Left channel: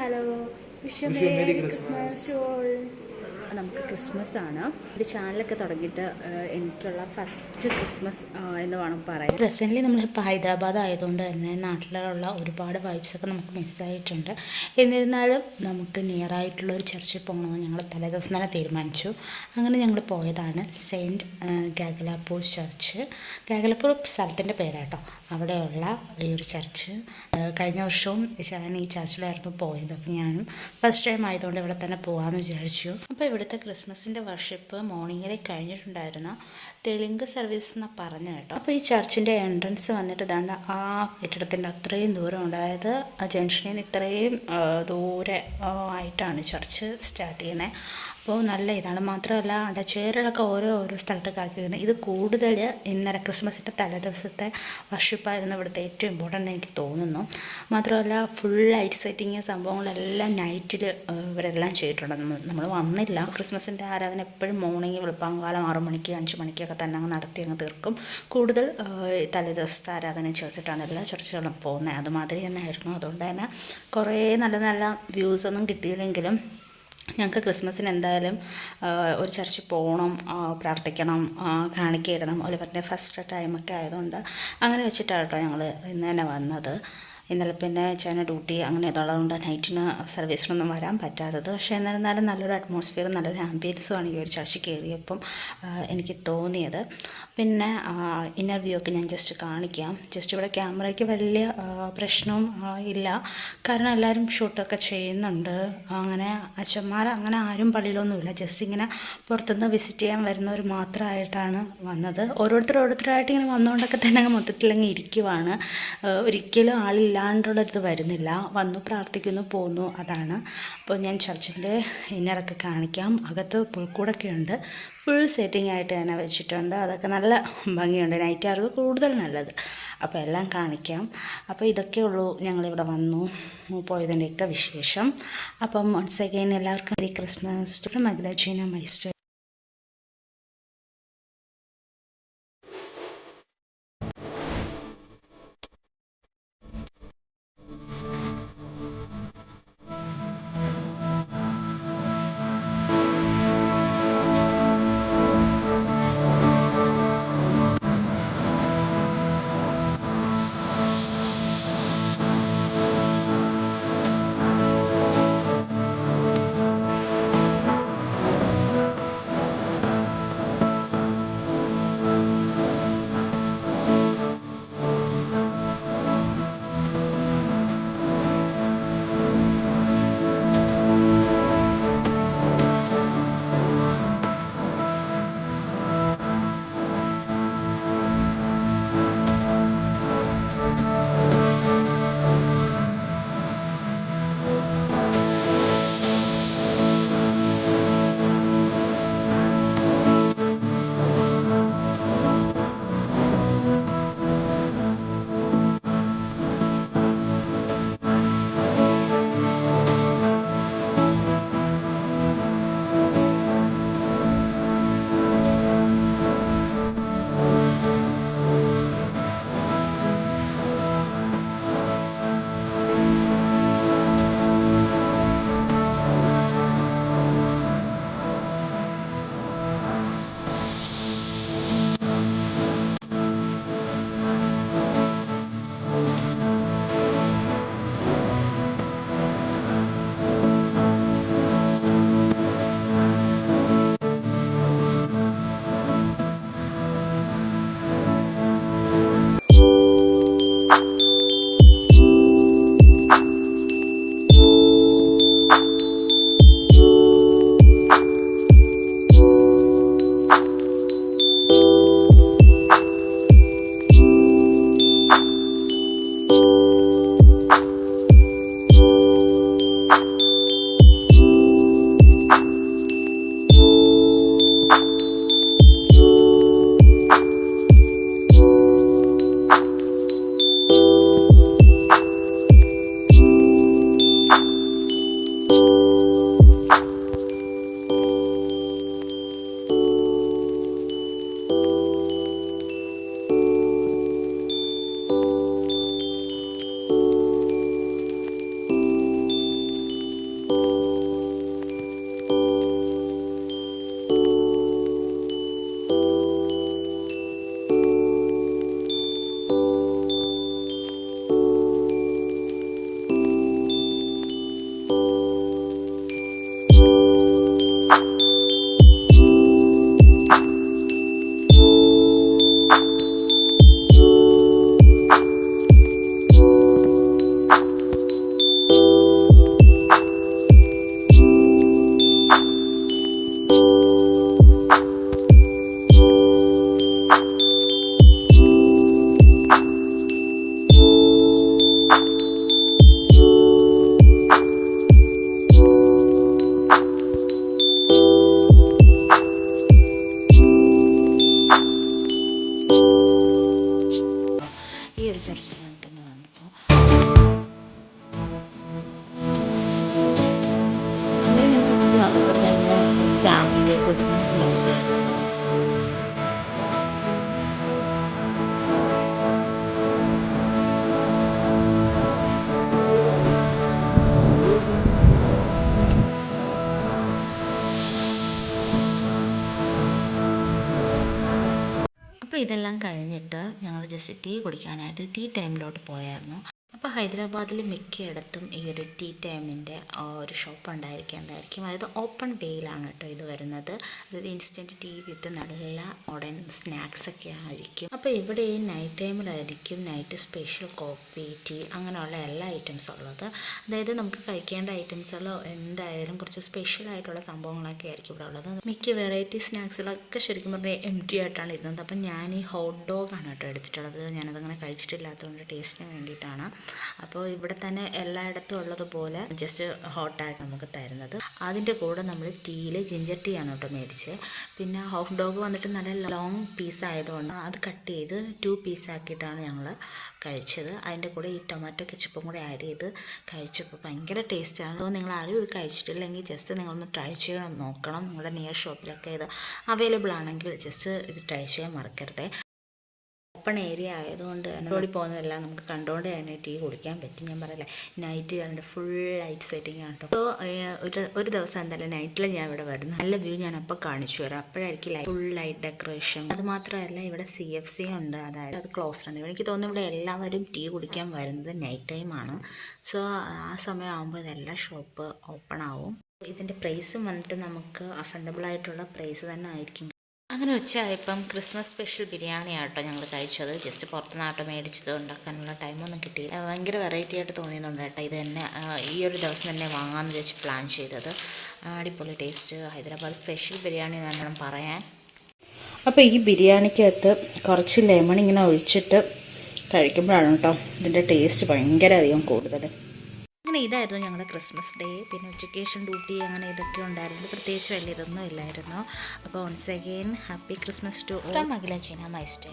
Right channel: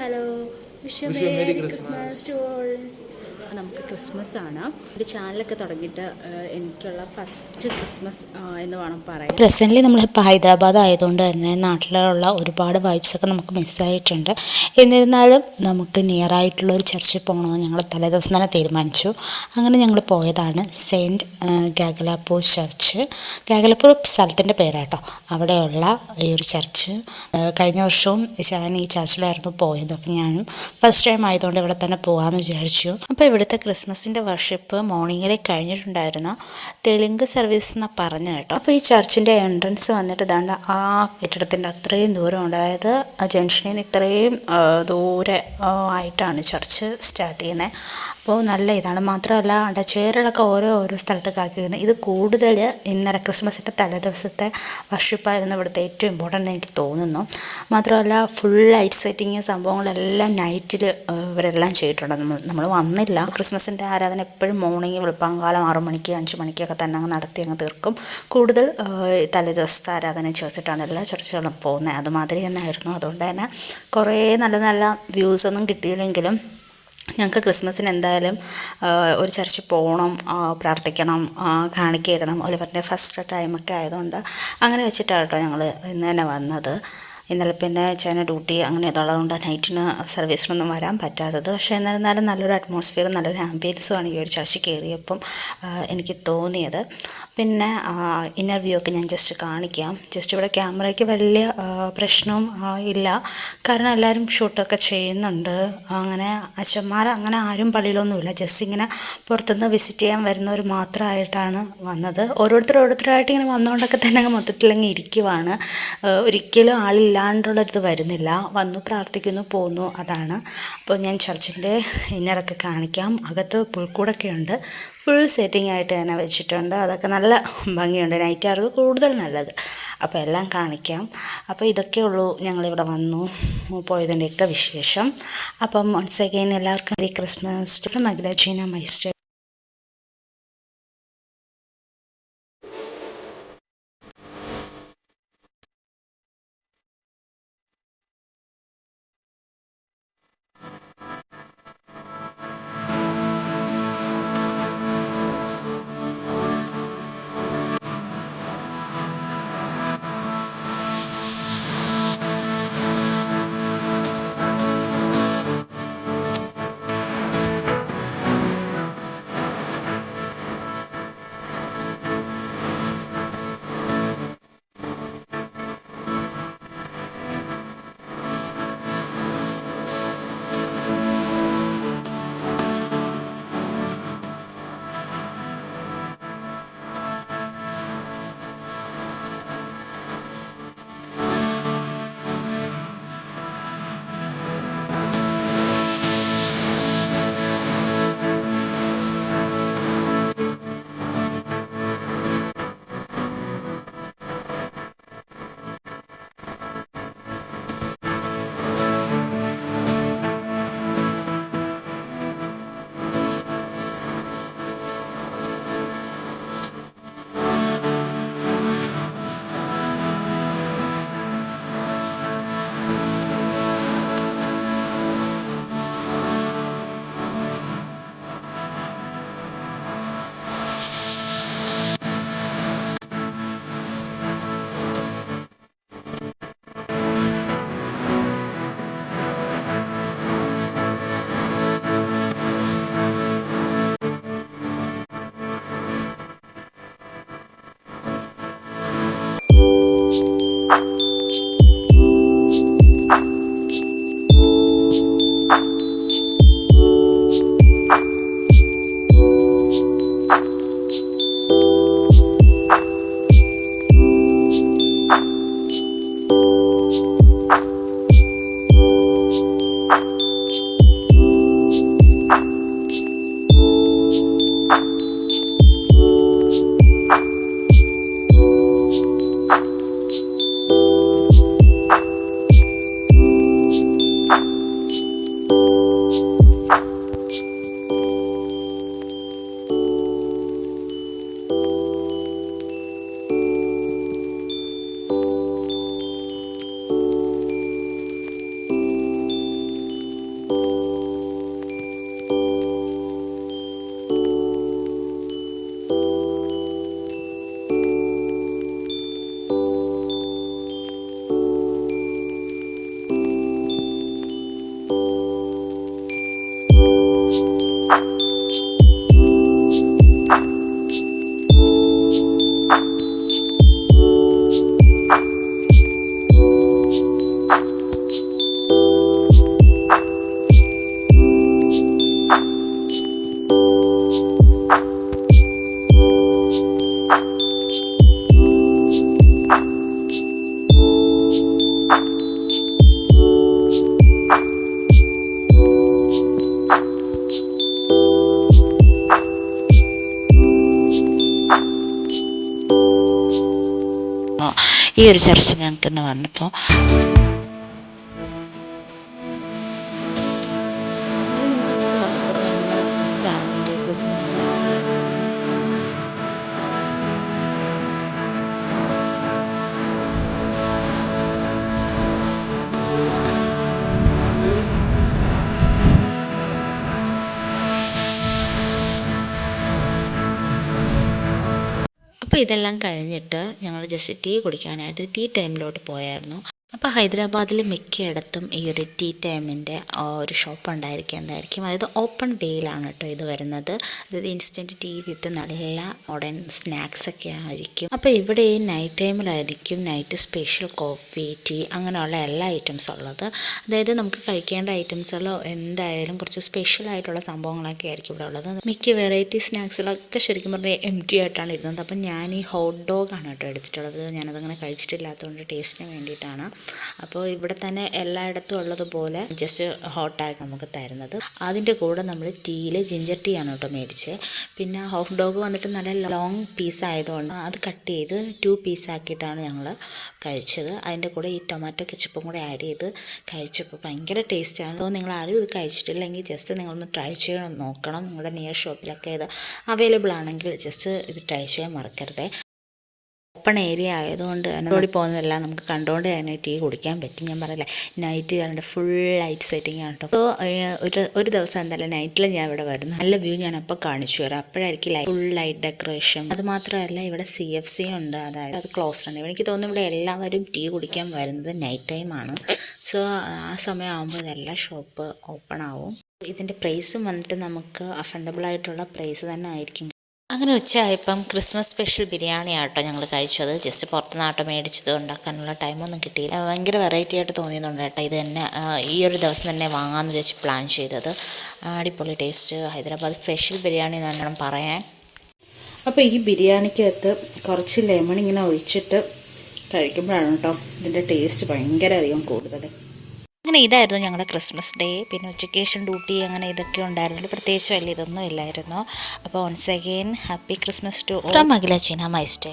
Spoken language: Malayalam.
Hello, wish wish you merry merry Christmas Christmas. To all. നമുക്ക് ക്രിസ്മസ് ആണ്. ഒരു ചാനലൊക്കെ തുടങ്ങിയിട്ട് എനിക്കുള്ള ഫസ്റ്റ് ക്രിസ്മസ് എന്ന് വേണം പറയാൻ. പ്രസൻ്റ്ലി നമ്മളിപ്പോൾ ഹൈദരാബാദ് ആയതുകൊണ്ട് തന്നെ നാട്ടിലുള്ള ഒരുപാട് വൈബ്സൊക്കെ നമുക്ക് മിസ്സായിട്ടുണ്ട്. എന്നിരുന്നാലും നമുക്ക് നിയർ ആയിട്ടുള്ള ഒരു ചർച്ചിൽ പോകണമെന്ന് ഞങ്ങൾ തലേദിവസം തന്നെ തീരുമാനിച്ചു. അങ്ങനെ ഞങ്ങൾ പോയതാണ് സെയിൻറ്റ് ഗാഗലാപ്പൂർ ചർച്ച്. ഗാഗലാപ്പൂർ സ്ഥലത്തിൻ്റെ പേരാട്ടോ. അവിടെയുള്ള ഈ ഒരു ചർച്ച് കഴിഞ്ഞ വർഷവും ഞാൻ ഈ ചർച്ചിലായിരുന്നു പോയത്. അപ്പം ഞാനും ഫസ്റ്റ് ടൈം ആയതുകൊണ്ട് ഇവിടെ തന്നെ പോകാമെന്ന് വിചാരിച്ചു. അപ്പോൾ ഇവിടുത്തെ ക്രിസ്മസിൻ്റെ വർഷിപ്പ് മോർണിംഗിലെ കഴിഞ്ഞിട്ടുണ്ടായിരുന്നു. തെലുങ്ക് സർവീസ് എന്നാണ് പറഞ്ഞത് കേട്ടോ. അപ്പോൾ ഈ ചർച്ചിൻ്റെ എൻട്രൻസ് വന്നിട്ട് ഇതാണ്ട് ആ കെട്ടിടത്തിൻ്റെ അത്രയും ദൂരമുണ്ട്. അതായത് ആ ജംഗ്ഷനിൽ നിന്ന് ഇത്രയും ദൂരെ ആയിട്ടാണ് ചർച്ച് സ്റ്റാർട്ട് ചെയ്യുന്നത്. അപ്പോൾ നല്ല ഇതാണ്. മാത്രമല്ല അവിടെ ചെയറുകളൊക്കെ ഓരോ സ്ഥലത്തൊക്കെ ആക്കി വരുന്നത്. ഇത് കൂടുതൽ ഇന്നലെ ക്രിസ്മസിൻ്റെ തലേദിവസത്തെ വർഷിപ്പായിരുന്നു ഇവിടുത്തെ ഏറ്റവും ഇമ്പോർട്ടൻ്റ് എനിക്ക് തോന്നുന്നു. മാത്രമല്ല ഫുൾ ലൈറ്റ് സെറ്റിങ് സംഭവങ്ങളെല്ലാം നൈറ്റിൽ ഇവരെല്ലാം ചെയ്തിട്ടുണ്ട്. നമ്മൾ വന്നില്ല. ക്രിസ്മസിൻ്റെ ആരാധന എപ്പോഴും മോർണിംഗ് വെളുപ്പാങ്കാലം 6 മണിക്ക് 5 മണിക്കൊക്കെ തന്നെ അങ്ങ് നടത്തി അങ്ങ് തീർക്കും. കൂടുതൽ തലേദിവസത്തെ ആരാധന ചേർത്തിട്ടാണ് എല്ലാ ചർച്ചുകളും പോകുന്നത്. അതുമാതിരി തന്നെ ആയിരുന്നു. അതുകൊണ്ട് തന്നെ കുറേ നല്ല നല്ല വ്യൂസൊന്നും കിട്ടിയില്ലെങ്കിലും ഞങ്ങൾക്ക് ക്രിസ്മസിന് എന്തായാലും ഒരു ചർച്ചിൽ പോകണം, പ്രാർത്ഥിക്കണം, കാണിക്കയിടണം. ഒലിവറിൻ്റെ ഫസ്റ്റ് ടൈമൊക്കെ ആയതുകൊണ്ട് അങ്ങനെ വെച്ചിട്ടാണ് കേട്ടോ ഞങ്ങൾ ഇന്ന് തന്നെ വന്നത്. ഇന്നലെ പിന്നെ ചേട്ടന് ഡ്യൂട്ടി അങ്ങനെ ഇതുള്ളതുകൊണ്ട് നൈറ്റിന് സർവീസിനൊന്നും വരാൻ പറ്റാത്തത്. പക്ഷേ എന്നിരുന്നാലും നല്ലൊരു അറ്റ്മോസ്ഫിയറും നല്ലൊരു ആംബിയൻസുമാണ് ഈ ഒരു ചർച്ചിൽ കയറിയപ്പം എനിക്ക് തോന്നിയത്. പിന്നെ ഇൻ്റർവ്യൂ ഒക്കെ ഞാൻ ജസ്റ്റ് കാണിക്കാം. ജസ്റ്റ് ഇവിടെ ക്യാമറയ്ക്ക് വലിയ പ്രശ്നവും ഇല്ല, കാരണം എല്ലാവരും ഷൂട്ടൊക്കെ ചെയ്യുന്നുണ്ട്. അങ്ങനെ അച്ഛന്മാർ അങ്ങനെ ആരും പള്ളിയിലൊന്നുമില്ല. ജസ്റ്റ് ഇങ്ങനെ പുറത്തുനിന്ന് വിസിറ്റ് ചെയ്യാൻ വരുന്നവർ മാത്രമായിട്ടാണ് വന്നത്. ഓരോരുത്തരായിട്ട് ഇങ്ങനെ വന്നുകൊണ്ടൊക്കെ തന്നെ മൊത്തത്തിലങ്ങ് ഇരിക്കുവാണ്. ഒരിക്കലും ആളില്ലാണ്ടുള്ളൊരിത് വരുന്നില്ല. വന്നു പ്രാർത്ഥിക്കുന്നു പോന്നു, അതാണ്. അപ്പോൾ ഞാൻ ചർച്ചിൻ്റെ ഇന്നറൊക്കെ കാണിക്കാം. അകത്ത് പുൽക്കൂടൊക്കെ ഉണ്ട്. ഫുൾ സെറ്റിംഗ് ആയിട്ട് തന്നെ വെച്ചിട്ടുണ്ട്. അതൊക്കെ നല്ല ഭംഗിയുണ്ട്. നൈറ്റായിരുന്നു കൂടുതൽ നല്ലത്. അപ്പോൾ എല്ലാം കാണിക്കാം. അപ്പോൾ ഇതൊക്കെ ഉള്ളൂ ഞങ്ങളിവിടെ വന്നു പോയതിൻ്റെയൊക്കെ വിശേഷം. അപ്പം വൺസ് അഗെയിൻ എല്ലാവർക്കും മെരി ക്രിസ്മസ്. മഗ്ദലീന മൈസ്റ്റർ. ഒരു ചർച്ച ഞങ്ങൾക്ക് ഇന്ന് വന്നപ്പോൾ ഫാമിലി ക്രിസ്മസ് അപ്പോൾ ഇതെല്ലാം കഴിഞ്ഞിട്ട് ഞങ്ങൾ ജസ്റ്റ് ടീ കുടിക്കാനായിട്ട് ടീ ടൈമിലോട്ട് പോയായിരുന്നു. അപ്പോൾ ഹൈദരാബാദിൽ മിക്കയിടത്തും ഈ ഒരു ടീ ടൈമിൻ്റെ ഒരു ഷോപ്പ് ഉണ്ടായിരിക്കും. അതായത് ഓപ്പൺ വേയിലാണ് കേട്ടോ ഇത് വരുന്നത്. അതായത് ഇൻസ്റ്റൻറ്റ് ടീ വിത്ത് നല്ല മോഡേൺ സ്നാക്സൊക്കെ ആയിരിക്കും. അപ്പോൾ ഇവിടെ ഈ നൈറ്റ് ടൈമിലായിരിക്കും നൈറ്റ് സ്പെഷ്യൽ കോഫി, ടീ അങ്ങനെയുള്ള എല്ലാ ഐറ്റംസും ഉള്ളത്. അതായത് നമുക്ക് കഴിക്കേണ്ട ഐറ്റംസുകൾ എന്തായാലും കുറച്ച് സ്പെഷ്യലായിട്ടുള്ള സംഭവങ്ങളൊക്കെ ആയിരിക്കും ഇവിടെ ഉള്ളത്. മിക്ക വെറൈറ്റി സ്നാക്സുകളൊക്കെ ശരിക്കും പറഞ്ഞാൽ എംപ്റ്റി ആയിട്ടാണ് ഇരുന്നത്. അപ്പം ഞാൻ ഈ ഹോട്ട് ഡോഗാണ് കേട്ടോ എടുത്തിട്ടുള്ളത്. ഞാനതങ്ങനെ കഴിച്ചിട്ടില്ലാത്തതുകൊണ്ട് ടേസ്റ്റിന് വേണ്ടിയിട്ടാണ്. അപ്പോൾ ഇവിടെ തന്നെ എല്ലായിടത്തും ഉള്ളതുപോലെ ജസ്റ്റ് ഹോട്ടായിട്ട് നമുക്ക് തരുന്നത്. അതിൻ്റെ കൂടെ നമ്മൾ ടീയിൽ ജിഞ്ചർ ടീ ആണ് കേട്ടോ മേടിച്ച്. പിന്നെ ഹോട്ട് ഡോഗ് വന്നിട്ട് നല്ല ലോങ് പീസ് ആയതുകൊണ്ട് അത് കട്ട് ചെയ്ത് 2 പീസാക്കിയിട്ടാണ് ഞങ്ങൾ കഴിച്ചത്. അതിൻ്റെ കൂടെ ഈ ടൊമാറ്റോ കെച്ചപ്പും കൂടെ ആഡ് ചെയ്ത് കഴിച്ചപ്പോൾ ഭയങ്കര ടേസ്റ്റാണ്. അപ്പോൾ നിങ്ങൾ ആരും ഇത് കഴിച്ചിട്ടില്ലെങ്കിൽ ജസ്റ്റ് നിങ്ങളൊന്ന് ട്രൈ ചെയ്യാൻ നോക്കണം. നിങ്ങളുടെ നിയർ ഷോപ്പിലൊക്കെ ഇത് അവൈലബിൾ ആണെങ്കിൽ ജസ്റ്റ് ഇത് ട്രൈ ചെയ്യാൻ മറക്കരുത്. ഓപ്പൺ ഏരിയ ആയതുകൊണ്ട് തന്നെ റോഡിൽ പോകുന്നതെല്ലാം നമുക്ക് കണ്ടുകൊണ്ട് തന്നെ ടീ കുടിക്കാൻ പറ്റും. ഞാൻ പറയില്ലേ, നൈറ്റ് കണ്ട് ഫുൾ ലൈറ്റ് സെറ്റിംഗ് ആണ് കേട്ടോ. അപ്പോൾ ഒരു ദിവസം എന്തായാലും നൈറ്റിൽ ഞാൻ ഇവിടെ വരുന്നു. നല്ല വ്യൂ ഞാൻ അപ്പോൾ കാണിച്ചു തരാം. അപ്പോഴായിരിക്കും ഫുൾ ലൈറ്റ് ഡെക്കറേഷൻ. അതുമാത്രമല്ല ഇവിടെ CFC ഉണ്ട്, അതായത് അത് ക്ലോസ് ആണ്. എനിക്ക് തോന്നുന്നു ഇവിടെ എല്ലാവരും ടീ കുടിക്കാൻ വരുന്നത് നൈറ്റ് ടൈമാണ്. സോ ആ സമയമാകുമ്പോൾ ഇതെല്ലാം ഷോപ്പ് ഓപ്പൺ ആവും. ഇതിൻ്റെ പ്രൈസും വന്നിട്ട് നമുക്ക് അഫോർഡബിൾ ആയിട്ടുള്ള പ്രൈസ് തന്നെ ആയിരിക്കും. അങ്ങനെ ഉച്ചയായപ്പം ക്രിസ്മസ് സ്പെഷ്യൽ ബിരിയാണി ആട്ടോ ഞങ്ങൾ കഴിച്ചത്. ജസ്റ്റ് പുറത്തുനിന്നാട്ടോ മേടിച്ചത്, ഉണ്ടാക്കാനുള്ള ടൈമൊന്നും കിട്ടിയില്ല. ഭയങ്കര വെറൈറ്റി ആയിട്ട് തോന്നിയതുകൊണ്ട് കേട്ടോ ഇത് തന്നെ ഈ ഒരു ദിവസം തന്നെ വാങ്ങാമെന്ന് വെച്ച് പ്ലാൻ ചെയ്തത്. അടിപൊളി ടേസ്റ്റ്, ഹൈദരാബാദ് സ്പെഷ്യൽ ബിരിയാണി എന്ന് വേണം പറയാൻ. അപ്പോൾ ഈ ബിരിയാണിക്കകത്ത് കുറച്ച് ലെമൺ ഇങ്ങനെ ഒഴിച്ചിട്ട് കഴിക്കുമ്പോഴാണ് കേട്ടോ ഇതിൻ്റെ ടേസ്റ്റ് ഭയങ്കര അധികം കൂടുതൽ. അങ്ങനെ ഇതായിരുന്നു ഞങ്ങളുടെ ക്രിസ്മസ് ഡേ. പിന്നെ ഉച്ചക്കേഷൻ ഡ്യൂട്ടി അങ്ങനെ ഇതൊക്കെ ഉണ്ടായിരുന്നു. പ്രത്യേകിച്ച് വലിയ ഇതൊന്നും ഇല്ലായിരുന്നു. അപ്പോൾ once again happy Christmas to from Akhila ചീന മൈ സ്റ്റേ.